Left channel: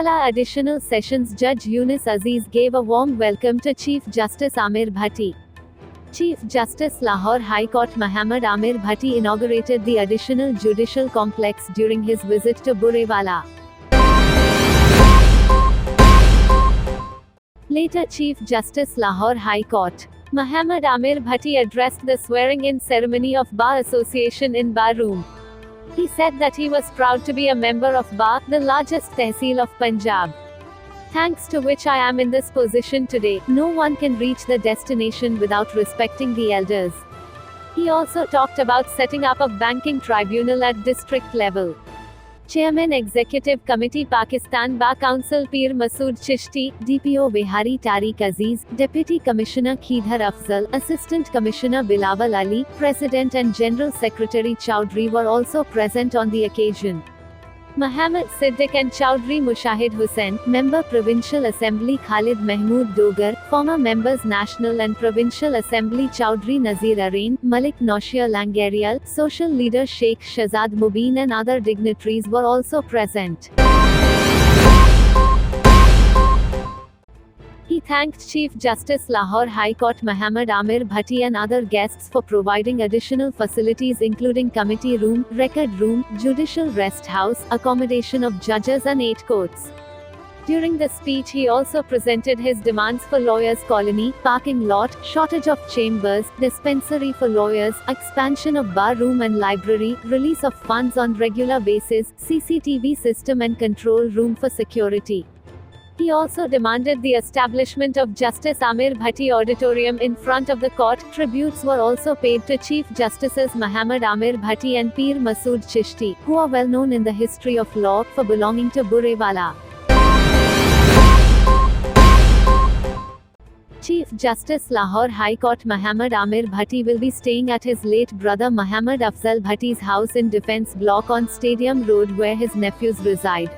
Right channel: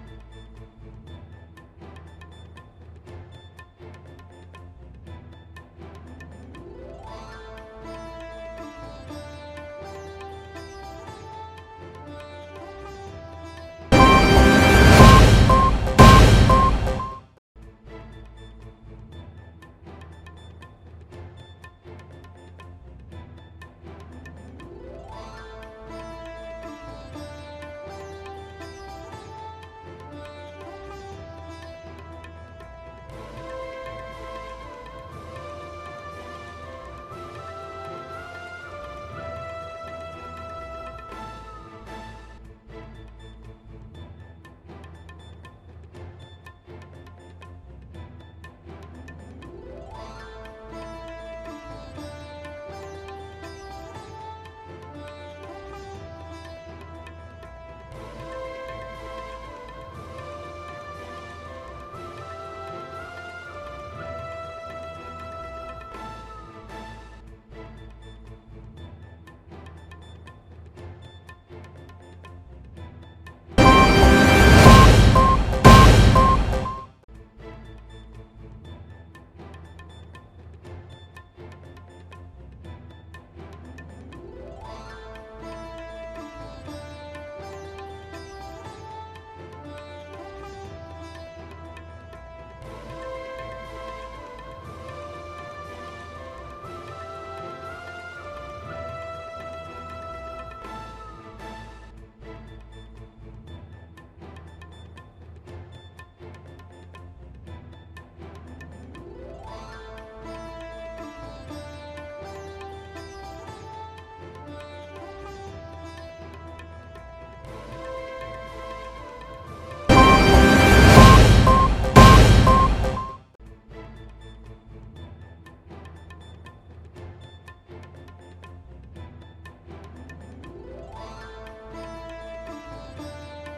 Borewala Additional Sessions Judge Yunus Aziz gave a warm welcome to Chief Justice Amir Bhatti. Chief Justice Lahore High Court Muhammad Amir Bhatti inaugurated the additional judicial complex during his visit to Borewala. Later Chief Justice Lahore High Court Muhammad Amir Bhatti addressed the swearing-in ceremony of Bar Association in Bar Room. He said that he was proud to be a member of Bar, the largest tehsil of Punjab. Thanks to which I am in this position today. No one can reach the destination without respecting the elders. He also talked about setting up a banking tribunal at district level. Chairman Executive Committee Pakistan Bar Council Peer Masood Chishti, DPO Bihari Tariq Aziz, Deputy Commissioner Khidhar Afzal, Assistant Commissioner Bilawal Ali, President and General Secretary Chowdhury were also present on the occasion. Muhammad Siddiq and Chowdhury Mushahid Hussain, Member Provincial Assembly Khalid Mahmood Dogar, former members National and Provincial Assembly Chowdhury Nazir Arain, Malik Naushia Langarial, social leader Sheikh Shahzad Mubin and other dignitaries were also present. He thanked Chief Justice Lahore High Court Muhammad Amir Bhatti and other guests for providing additional facilities including committee room, record room, judicial rest house, accommodation of judges and 8 courts. During the speech he also presented his demands for lawyers' colony, parking lot, shortage of chambers, dispensary for lawyers, expansion of bar room and library, release of funds on regular basis, CCTV system and control room for security. He also demanded the establishment of Justice Amir Bhatti Auditorium in front of the court. Tributes were also paid to Chief Justices Muhammad Amir Bhatti and Peer Masood Chishti, who are well known in the history of law for belonging to Borewala. Chief Justice Lahore High Court Muhammad Amir Bhatti will be staying at his late brother Muhammad Afzal Bhatti's house in Defence Block on Stadium Road where his nephews reside.